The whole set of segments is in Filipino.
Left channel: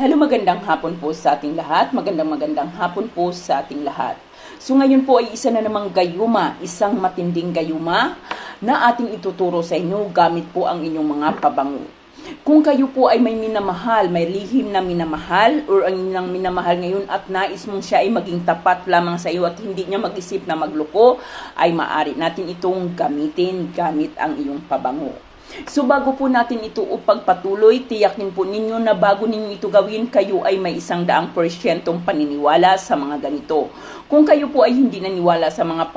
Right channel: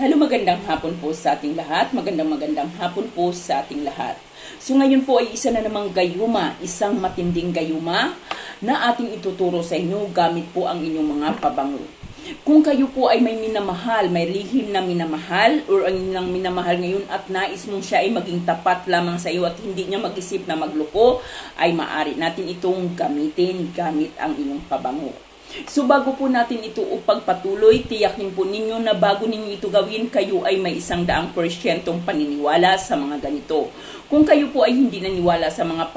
Hello, magandang hapon po sa ating lahat. Magandang hapon po sa ating lahat. So ngayon po ay isa na namang gayuma, isang matinding gayuma na ating ituturo sa inyo gamit po ang inyong mga pabango. Kung kayo po ay may minamahal, may lihim na minamahal or ang inyong minamahal ngayon at nais mong siya ay maging tapat lamang sa iyo at hindi niya mag-isip na magloko, ay maaari natin itong gamitin gamit ang inyong pabango. So bago po natin ito upagpatuloy, tiyakin po ninyo na bago ninyo ito gawin, kayo ay may 100% paniniwala sa mga ganito. Kung kayo po ay hindi naniwala sa mga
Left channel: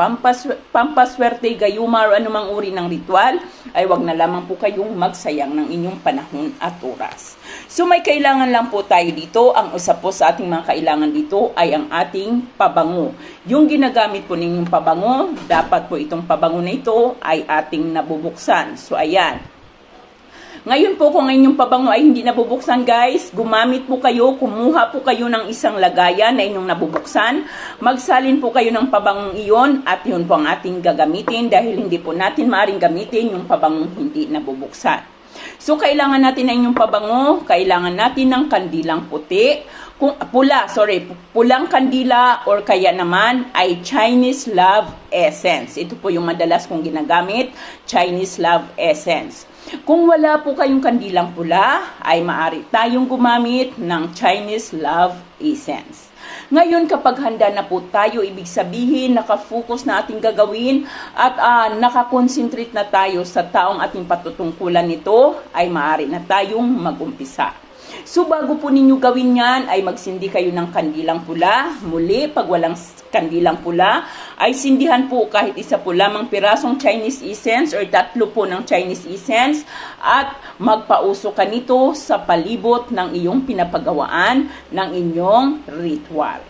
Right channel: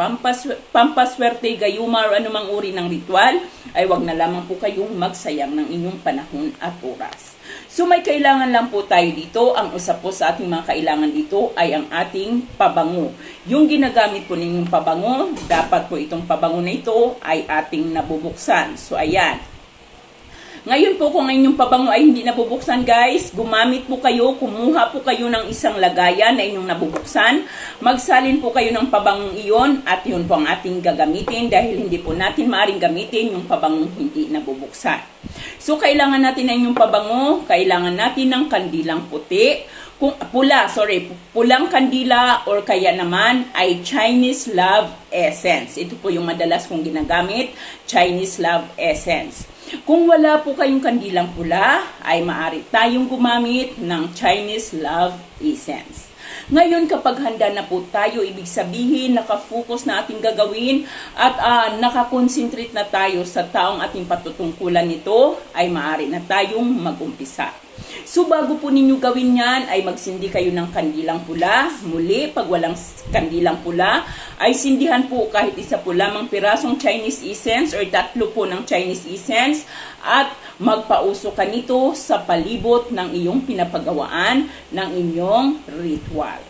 pampaswerte, gayuma o anumang uri ng ritual, ay wag na lamang po kayong magsayang ng inyong panahon at oras. So may kailangan lang po tayo dito. Ang usap po sa ating mga kailangan dito ay ang ating pabango. Yung ginagamit po ninyong pabango, dapat po itong pabango na ito ay ating nabubuksan. So ayan. Ngayon po kung inyong pabango ay hindi nabubuksan guys, gumamit po kayo, kumuha po kayo ng isang lagayan na inyong nabubuksan. Magsalin po kayo ng pabangong iyon at yun po ang ating gagamitin dahil hindi po natin maaring gamitin yung pabangong hindi nabubuksan. So kailangan natin ng inyong pabango, kailangan natin ng kandilang puti. Pulang kandila or kaya naman ay Chinese Love Essence. Ito po yung madalas kong ginagamit, Chinese Love Essence. Kung wala po kayong kandilang pula, ay maaari tayong gumamit ng Chinese Love Essence. Ngayon kapag handa na po tayo, ibig sabihin nakafocus na ating gagawin at nakakonsentrate na tayo sa taong ating patutungkulan nito, ay maaari na tayong mag-umpisa. So bago po ninyo gawin yan, ay magsindi kayo ng kandilang pula. Muli, pag walang kandilang pula, ay sindihan po kahit isa po lamang pirasong Chinese essence or 3 po ng Chinese essence at magpausok ka nito sa palibot ng iyong pinapagawaan ng inyong ritual.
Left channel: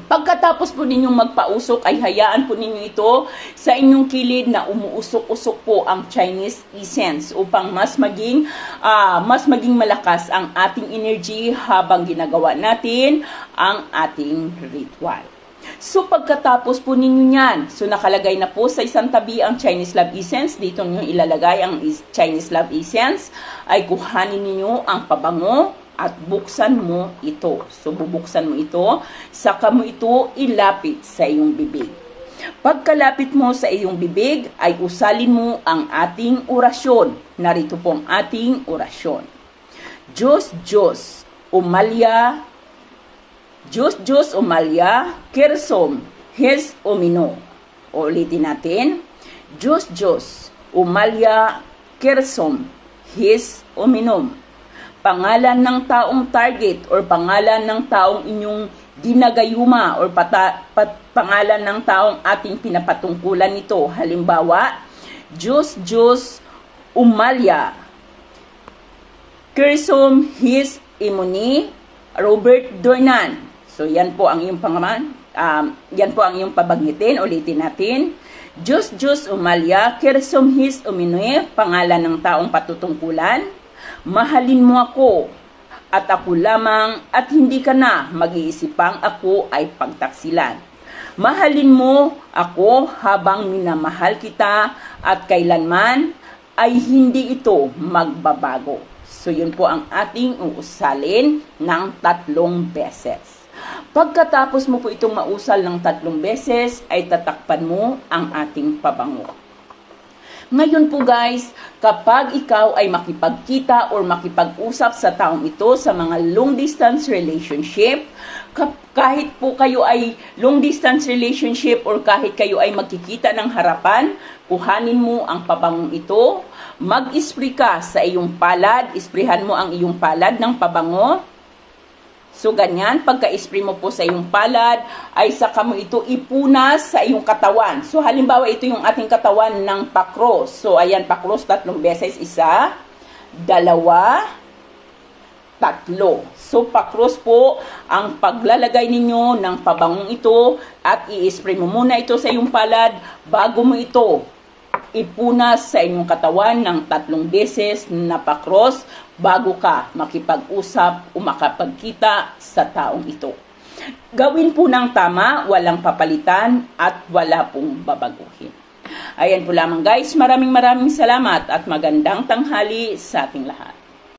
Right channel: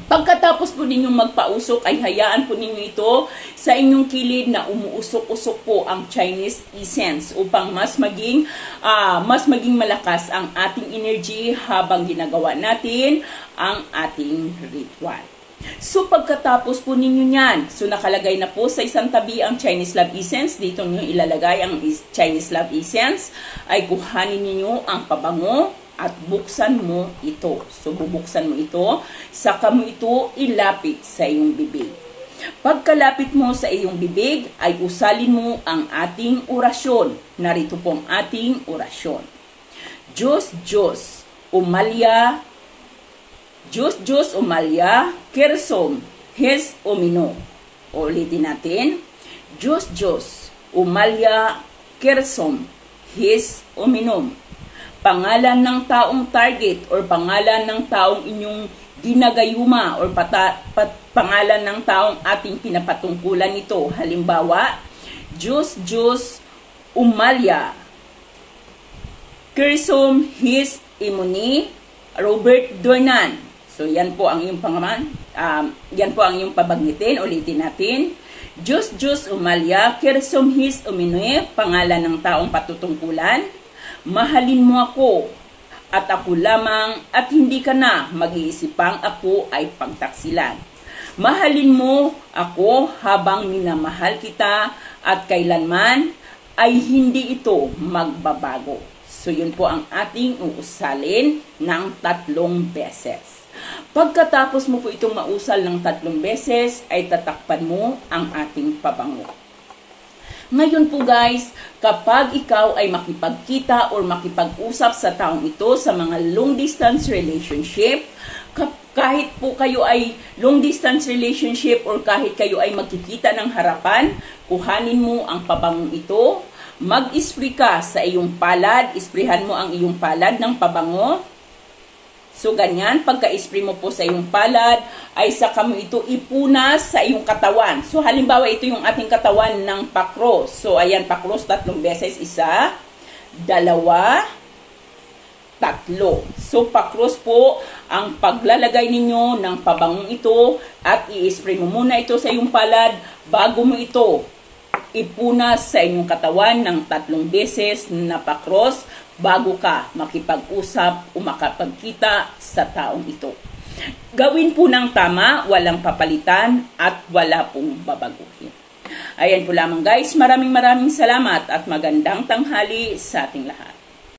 Pagkatapos po ninyong magpausok ay hayaan po ninyo ito sa inyong kilid na umuusok-usok po ang Chinese essence upang mas maging malakas ang ating energy habang ginagawa natin ang ating ritual. So pagkatapos po ninyo yan, so nakalagay na po sa isang tabi ang Chinese Love Essence, dito nyo ilalagay ang Chinese Love Essence, ay kuhanin ninyo ang pabango at buksan mo ito. So bubuksan mo ito, saka mo ito ilapit sa iyong bibig. Pagkalapit mo sa iyong bibig, ay usalin mo ang ating orasyon. Narito pong ating orasyon. Diyos, Diyos, umalya, Diyos, Diyos, umalya, kersom, hes, umino. Ulitin natin. Diyos, Diyos, umalya, kersom, hes, uminom. Pangalan ng taong target or pangalan ng taong inyong ginagayuma or pangalan ng taong ating pinapatungkulan nito. Halimbawa, Diyos, Diyos, umalya, kersom, his, imuni, Robert Dornan. So yan po ang iyong pangalan. Yan po ang iyong pabanggitin. Ulitin natin. Diyos, Diyos, umalya, kersom, his, umuni, pangalan ng taong patutungkulan. Mahalin mo ako at ako lamang at hindi ka na mag-iisipang ako ay pagtaksilan. Mahalin mo ako habang minamahal kita at kailanman ay hindi ito magbabago. So yun po ang ating uusalin ng 3 beses. Pagkatapos mo po itong mausal ng 3 beses ay tatakpan mo ang ating pabango. Ngayon po guys, kapag ikaw ay makipagkita or makipag-usap sa taong ito sa mga long distance relationship, kahit po kayo ay long distance relationship or kahit kayo ay magkikita ng harapan, kuhanin mo ang pabangong ito, mag-spray ka sa iyong palad, isprihan mo ang iyong palad ng pabango. So ganyan, pagka-spray mo po sa iyong palad, ay saka mo ito ipunas sa iyong katawan. So halimbawa, ito yung ating katawan ng pakros. So ayan, pakros 3 beses, 1, 2, 3. So pakros po ang paglalagay ninyo ng pabangong ito at i-spray mo muna ito sa iyong palad bago mo ito ipunas sa inyong katawan ng 3 beses na pakros bago ka makipag-usap o makapagkita sa taong ito. Gawin po ng tama, walang papalitan at wala pong babaguhin. Ayan po lamang guys, maraming salamat at magandang tanghali sa ating lahat.